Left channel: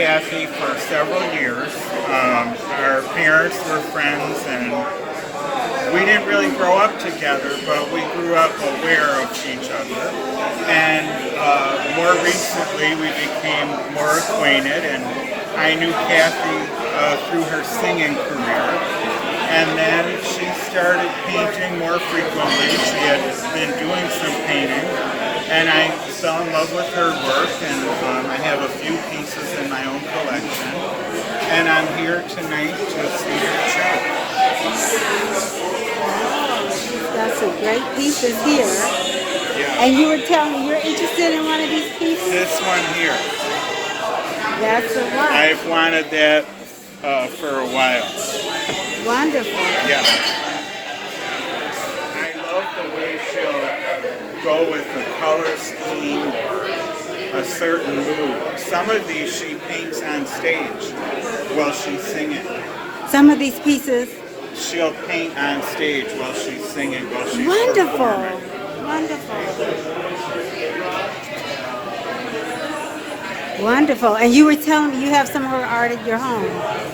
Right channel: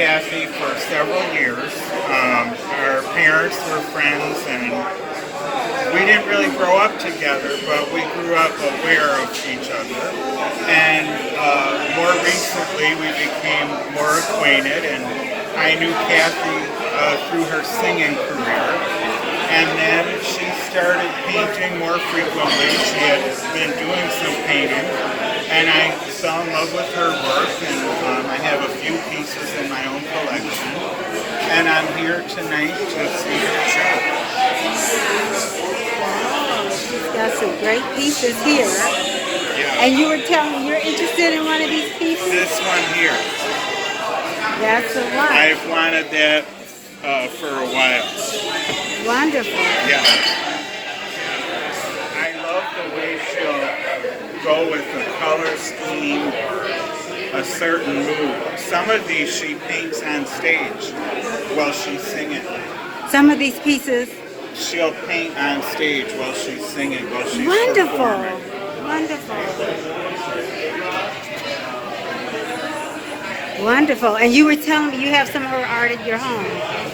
Kathy for several years. Our parents were friends, and we didn't really grow up together, but we grew up aware of each other. And more recently, we became more acquainted, and I knew Kathy through her singing career. And then she started painting more frequently. She had been doing some painting, and I fell in love with her work, and I have a few pieces in my own collection. And I'm here tonight to see her shop. Wow, she's got some great pieces here. Yeah. And you were telling me you're interested in one of these pieces? This one here. That's the one. I've wanted that for a while. Wonderful. Yeah. I love the way she'll go with the color scheme or a certain mood. Some of these she paints on stage while she's singing. Some of these pieces. She'll paint on stage while she's singing, while she's Wonderful. performing. Wonderful. Wonderful. And you were telling me you have some of her art at your home.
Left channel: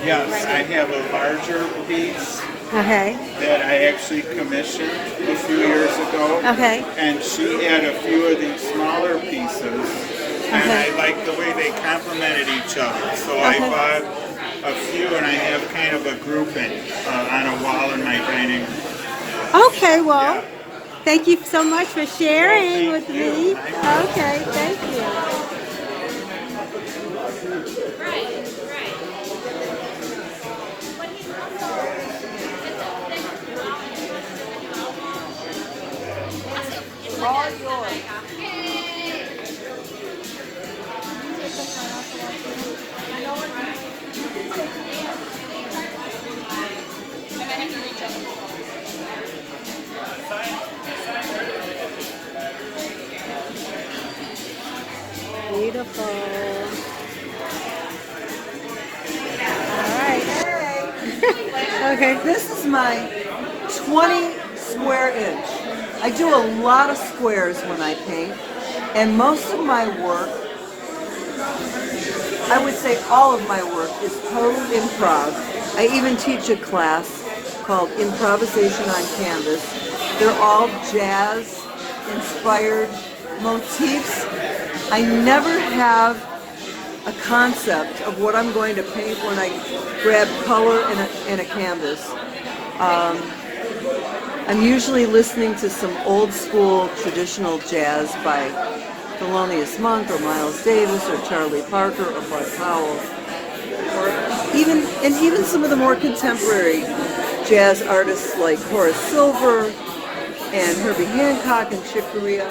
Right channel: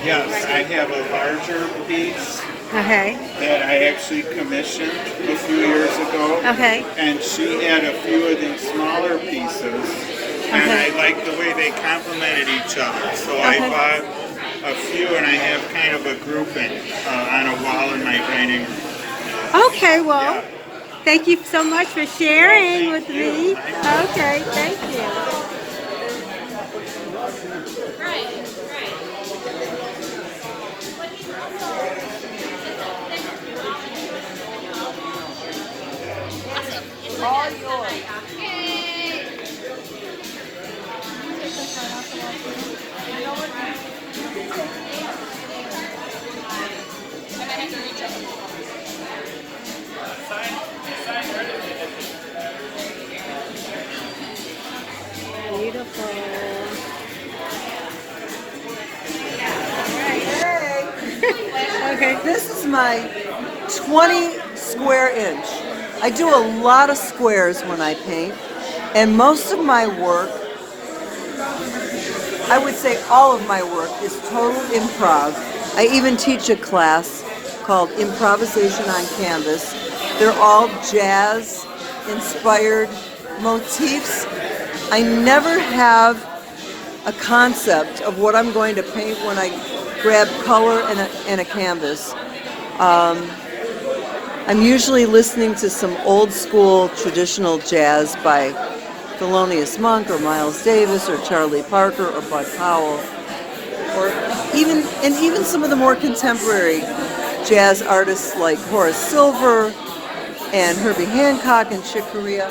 Yes, I have a larger piece Okay. that I actually commissioned a few years ago. Okay. And she had a few of these smaller pieces, and Okay. I like the way they complemented each other. So Okay. I bought a few, and I have kind of a grouping on a wall in my dining room. Okay, well, Yeah. thank you so much for sharing Well, thank with you. me. My pleasure. Okay, thank you. All yours. I might have to reach up. Beautiful. Hey, Okay. this is my 20 square inch. I do a lot of squares when I paint, and most of my work, I would say all of my work, is total improv. I even teach a class called Improvisation on Canvas. They're all jazz-inspired motifs. I never have a concept of what I'm going to paint when I grab color in a canvas. I'm usually listening to some old school traditional jazz by Thelonious Monk or Miles Davis or Charlie Parker or Bud Powell. Even some of the more contemporary jazz artists like Horace Silver and Herbie Hancock and Chick Corea.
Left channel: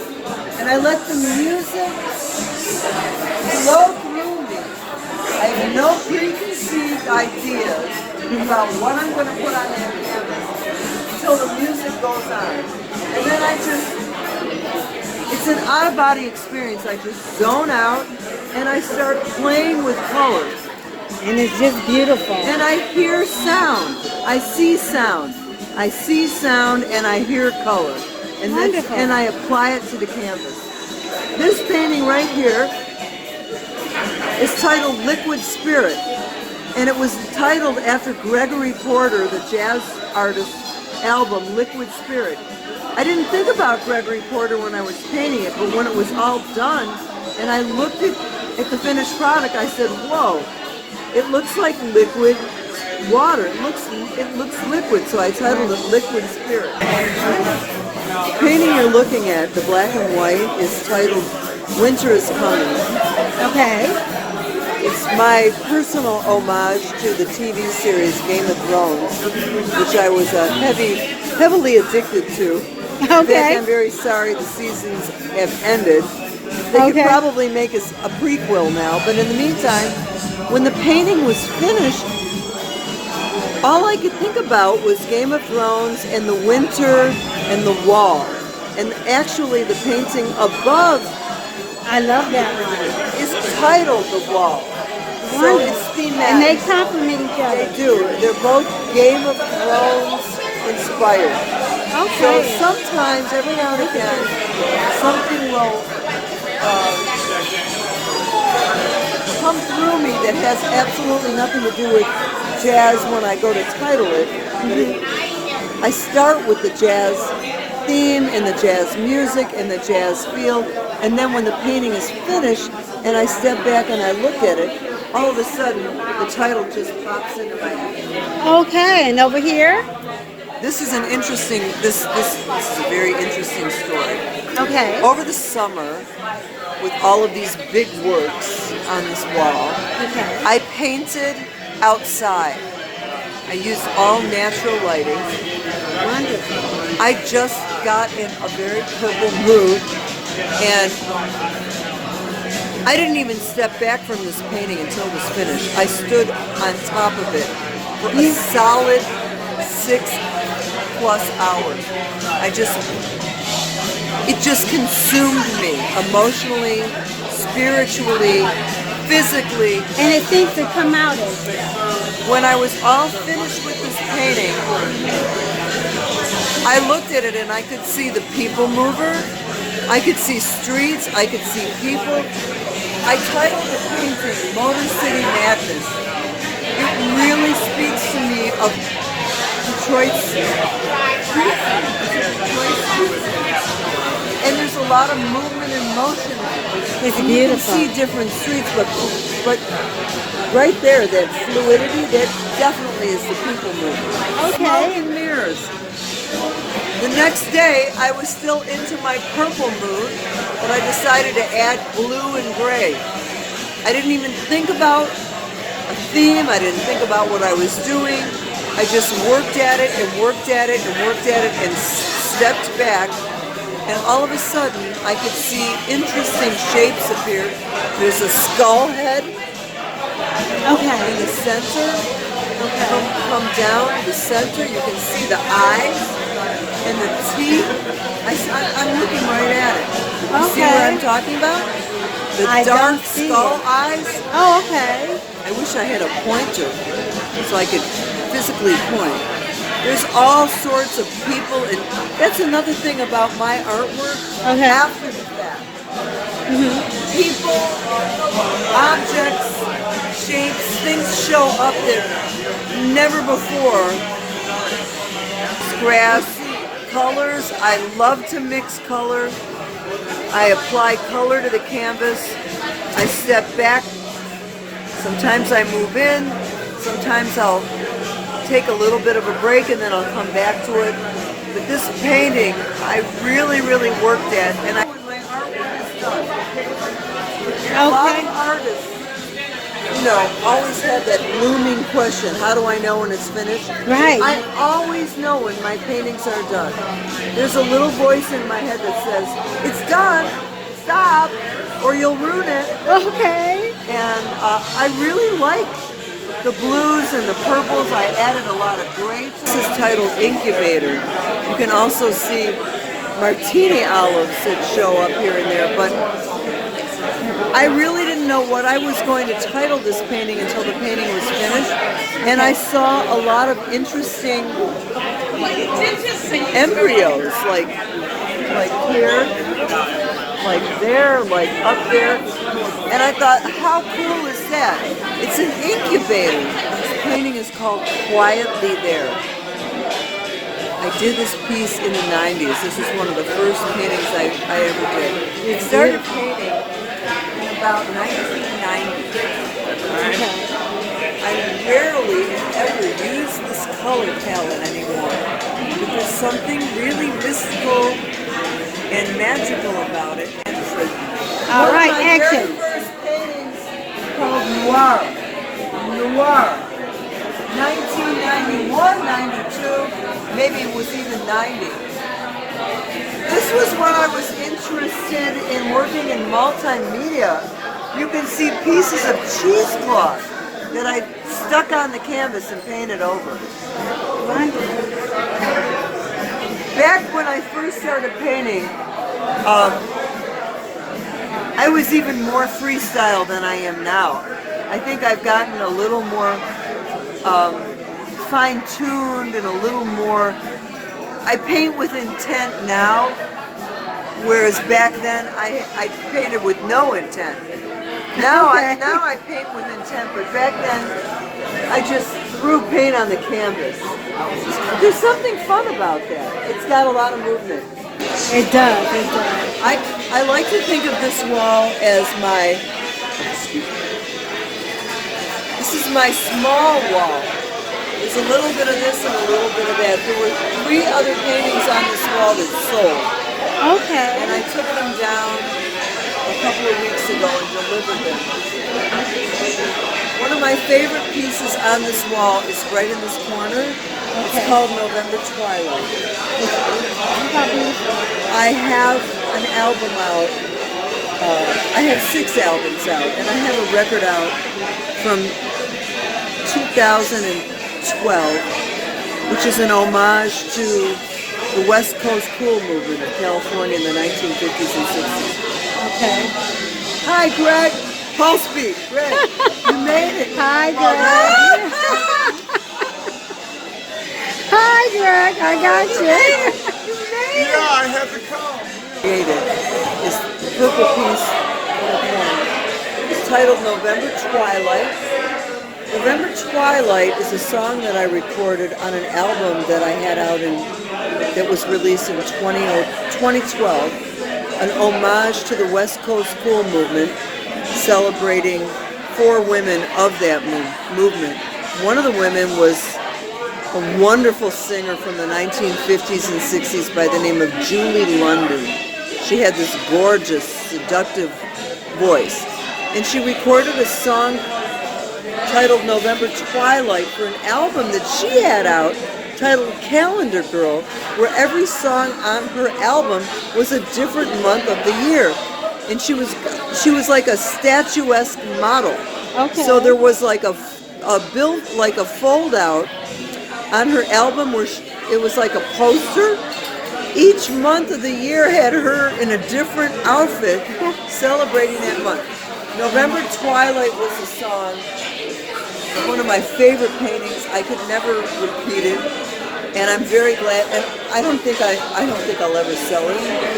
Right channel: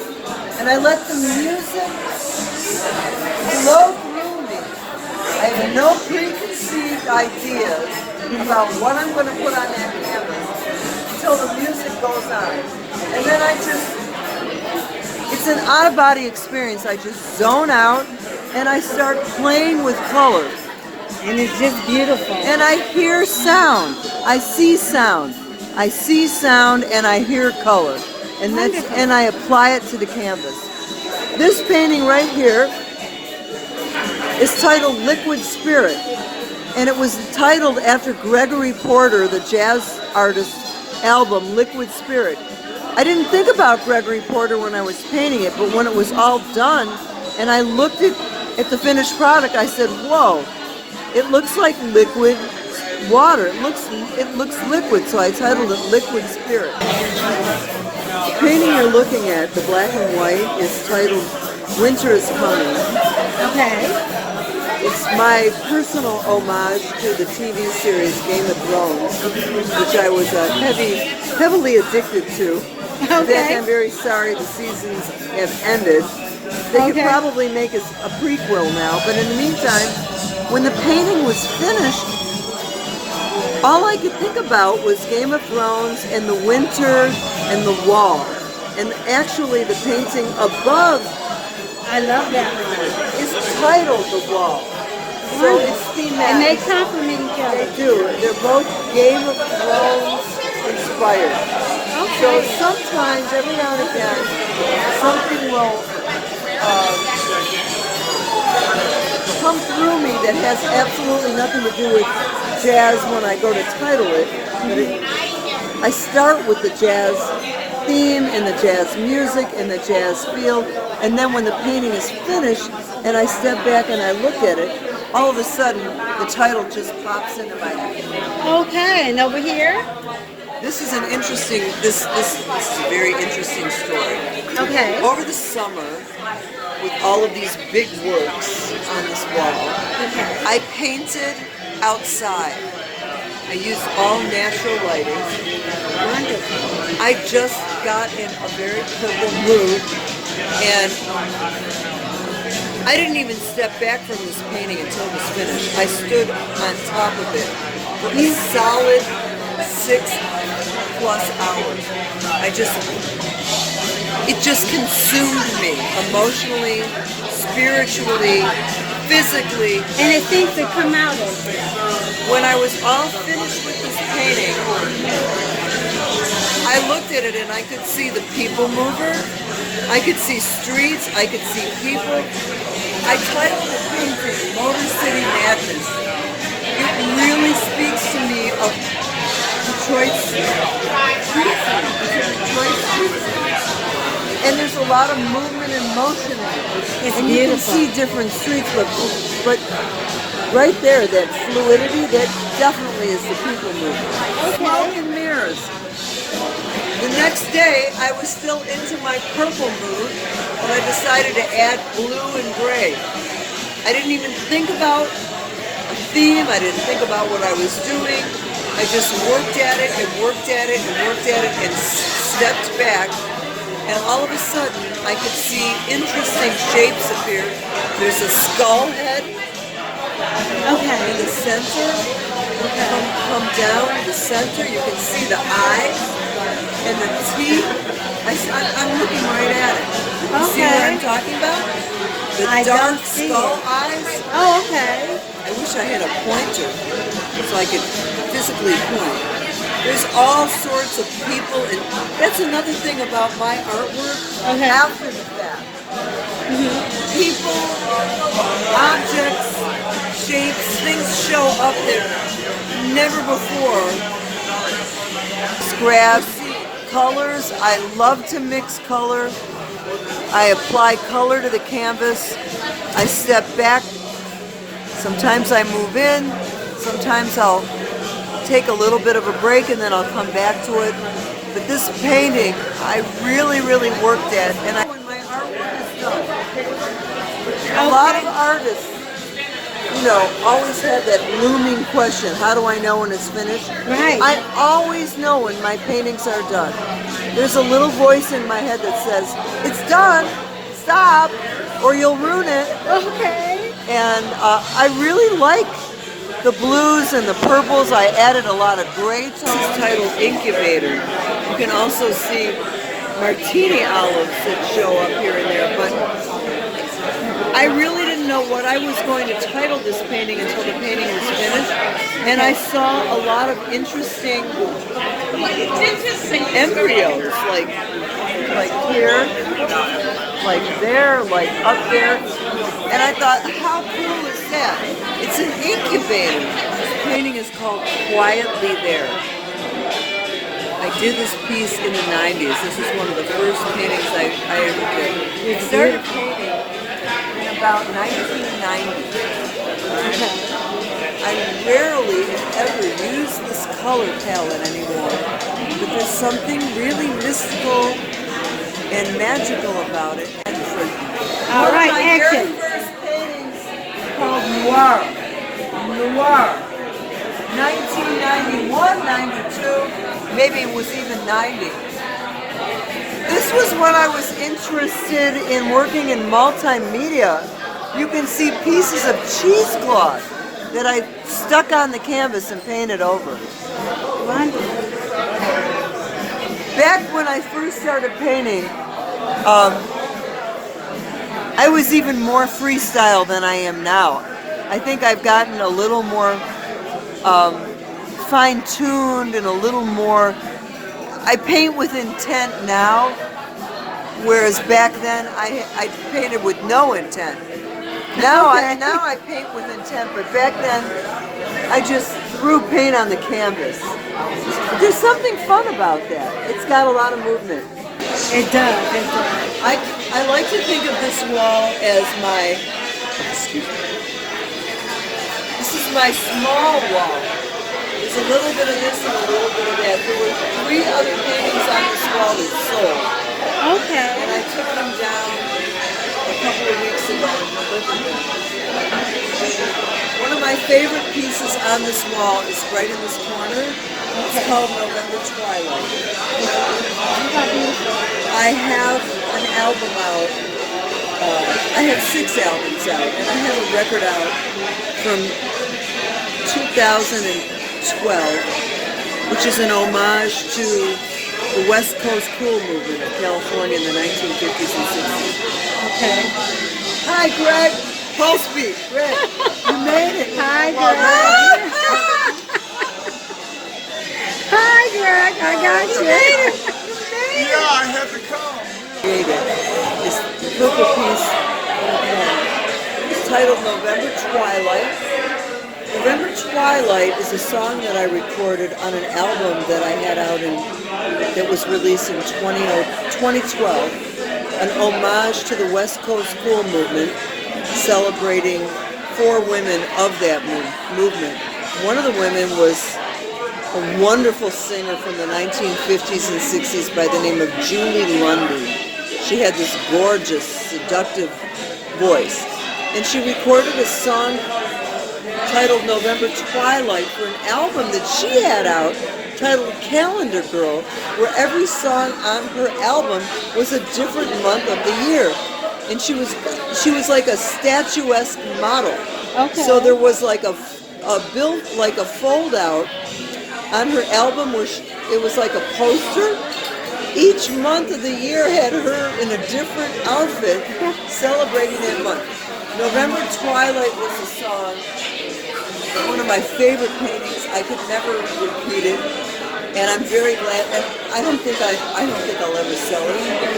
And I let the music flow through me. I have no preconceived ideas about what I'm going to put on that canvas until the music goes on. And then it's an out-of-body experience. I just zone out and I start playing with colors. And it's just beautiful. And I hear sound. I see sound. I see sound and I hear color. And I apply it to the canvas. This painting right here is titled Liquid Spirit. And it was titled after Gregory Porter, the jazz artist's album, Liquid Spirit. I didn't think about Gregory Porter when I was painting it, but when it was all done and I looked at the finished product, I said, whoa, it looks like liquid water. It looks liquid, so I titled it Liquid Spirit. The painting you're looking at, the black and white, is titled Winter is Coming. Okay. It's my personal homage to the TV series Game of Thrones, which I was heavily addicted to. In fact, I'm very sorry the seasons have ended. They could probably make us a prequel now, but in the meantime, when the painting was finished, all I could think about was Game of Thrones and the winter and the wall. And actually the painting above, I love that. is titled The Wall. So it's thematic. And they complement each other. They do. They're both Game of Thrones inspired. Okay. So sometimes, every now and again, something will come through me that has absolutely nothing to do with jazz when I go to title it. But I start with the jazz theme and the jazz music and the jazz feel, and then when the painting is finished and I step back and I look at it, all of a sudden the title just pops into my head. Okay, and over here? This is an interesting, this is a very interesting story. Okay. Over the summer, with all of these big works on this wall, Okay. I painted outside. I used all natural lighting. Wonderful. I just got in a very purple mood, and I didn't even step back from this painting until it was finished. I stood on top of it for a solid 6+ hours. It just consumed me emotionally, spiritually, physically. And it seems to come out as it. When I was all finished with this painting, I looked at it and I could see the people mover. I could see streets. I could see people. I titled the painting Motor City Madness. It really speaks to me of Detroit's and there's a lot of movement and motion in it. It's and beautiful. You can see different streets, but right there, that fluidity, that definitely is the people movement. Okay. Smoke and mirrors. The next day, I was still into my purple mood, but I decided to add blue and gray. I didn't even think about a theme. I didn't think about what I was doing. I just worked at it and worked at it and worked at it and stepped back. And all of a sudden, I could see interesting shapes appear. There's a skull head Okay. in the center. Okay. Come down to the center. You can see the eyes and the teeth. I'm looking right at it. You see what I'm talking about? The I dark don't see skull it. eyes. Oh, okay. I wish I had a pointer so I could physically point. There's all sorts of people, and that's another thing about my artwork. Okay. After the fact, people, objects, shapes, things show up there never before. Scraps, colors. I love to mix color. I apply color to the canvas. I step back. Sometimes I move in. Sometimes I'll take a little bit of a break and then I'll come back to it. But this painting, I really, really worked at. And when my artwork is done, a lot of artists, always have that looming question, how do I know when it's finished? Right. I always know when my paintings are done. There's a little voice in my head that says, it's done, stop, or you'll ruin it. Okay. And I really like the blues and the purples. I added a lot of gray. This is titled Incubator. You can also see martini olives that show up here and there, but I really didn't know what I was going to title this painting until the painting was finished. And I saw a lot of interesting embryos, like here, like there, like up there. And I thought, how cool is that? It's an incubator. This painting is called Quietly There. I did this piece in the 90s. This is one of the first paintings I ever did. I started painting in about 1990. Okay. I rarely ever use this color palette anymore. But there's something really mystical and magical about it. All right, One of my action. very first paintings called Noir. 1991, 92, maybe it was even 90. This was when I was interested in working in multimedia. You can see pieces of cheesecloth that I stuck on the canvas and painted over. Wonderful. Back when I first started painting, I was even more freestyle than I am now. I think I've gotten a little more fine-tuned and a little more... I paint with intent now, whereas back then I painted with no intent. Now, Okay. now I paint with intent, but back then I just threw paint on the canvas. There's something fun about that. It's got a lot of movement. It does. It does. I like to think of this wall as my, this is my small wall. There's a little bit of this and a little bit of that. There were 3 other paintings on this wall that sold. Okay. And I took them down a couple of weeks ago and delivered them. One of my favorite pieces on this wall is right in this corner. It's called November Twilight. I have an album out. I have 6 albums out, and I have a record out from 2012, which is an homage to the West Coast cool movement of California in the 1950s and 60s. Okay. Hi, Greg. Pulse speed. Greg, you made it. Hi, Greg. Hi, Greg. I got you. Yeah, I had to come. Made it. This purple piece in a corner. It's titled November Twilight. November Twilight is a song that I recorded on an album that I had out that was released in 2012, an homage to the West Coast cool movement, celebrating 4 women of that movement. One of the women was a wonderful singer from the 1950s and 60s by the name of Julie Lundy. She had this gorgeous, seductive voice, and she recorded a song titled November Twilight for an album that she had out titled Calendar Girl, where every song on her album was a different month of the year. And she was like a statuesque model. Okay. So there was like a fold out on her album where it was like a poster. Each month of the year had her in a different outfit celebrating that month. November Twilight was a song, one of my favorite paintings. I could never repeat it, and I'm very glad. And I don't think I'll ever sell it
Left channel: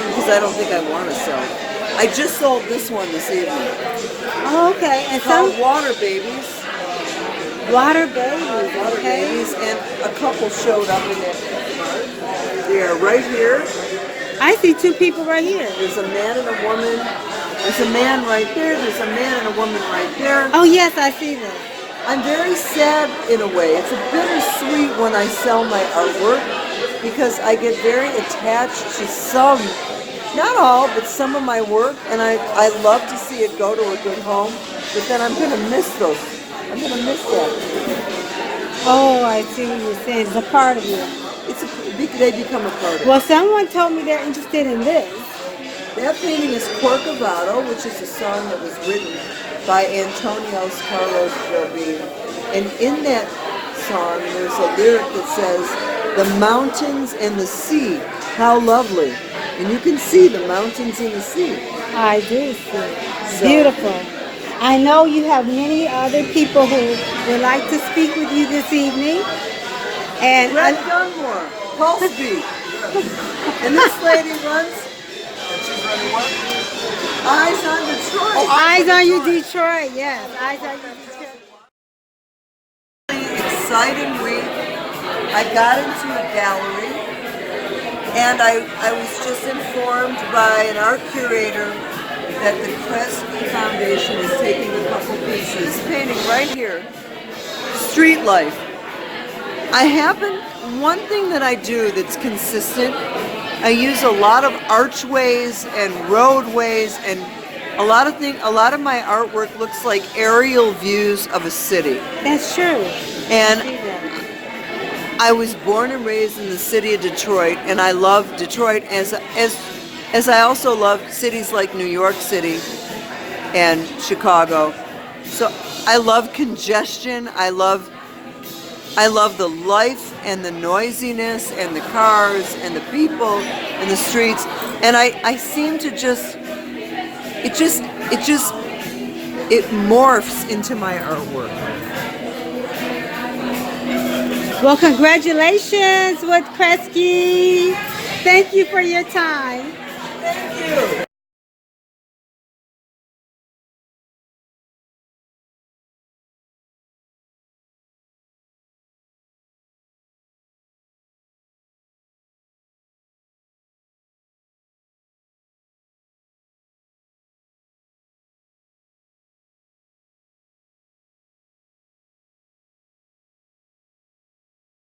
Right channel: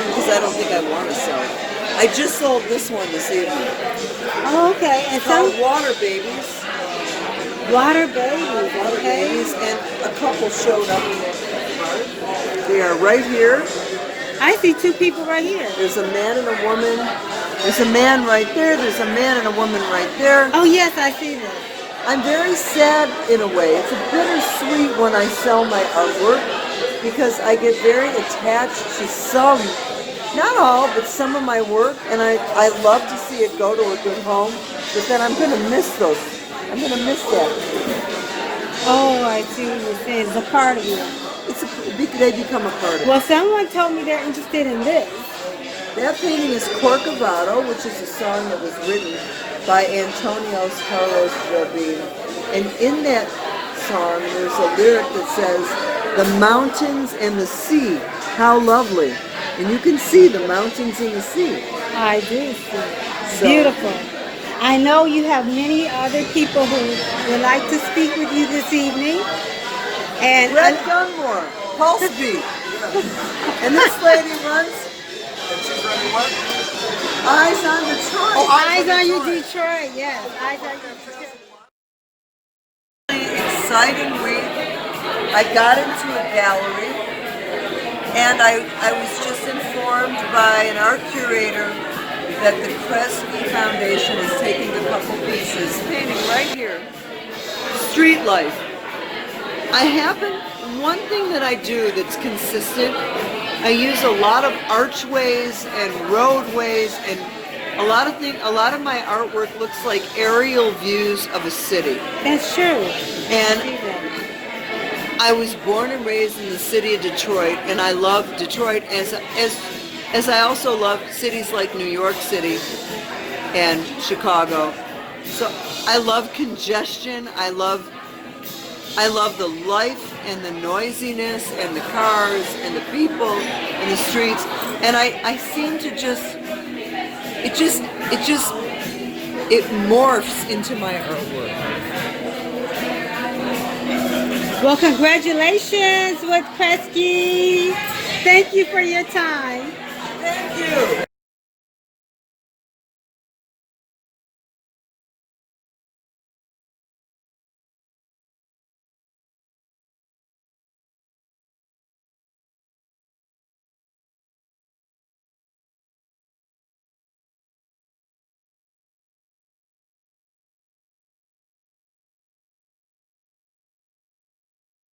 because I don't think I want to sell it. I just sold this one this evening. Oh, okay. And Called Water Babies. Water Babies. Water Okay. Babies, and a couple showed up in that. We are right here. I see 2 people right here. There's a man and a woman. There's a man right there. There's a man and a woman right there. Oh, yes, I see that. I'm very sad in a way. It's a bittersweet when I sell my artwork because I get very attached to some, not all, but some of my work, and I love to see it go to a good home, but then I'm going to miss those. I'm going to miss that. Oh, I see what you're saying. It's a part of you. They become a part of it. Well, someone told me they're interested in this. That painting is Corktown, which is a song that was written by Antonio Carlos Jobim. And in that song, there's a lyric that says, "The mountains and the sea, how lovely." And you can see the mountains and the sea. I do see. Beautiful. I know you have many other people who would like to speak with you this evening. And Dunmore, Pulse Beat. And this lady runs And she's running what? Eyes on Detroit. oh, Eyes on You Detroit, yes. Eyes on You Detroit. Exciting week. I got into a gallery, and I was just informed by an art curator that the Kresge Foundation is taking a couple pieces, painting right here, street life. One thing that I do that's consistent, I use a lot of archways and roadways, and a lot of my artwork looks like aerial views of a city. That's true. And I see that. I was born and raised in the city of Detroit, and I love Detroit as I also love cities like New York City and Chicago. So I love congestion. I love the life and the noisiness and the cars and the people and the streets. And I seem to it morphs into my artwork. Well, congratulations with Kresge. Thank you for your time. Thank you.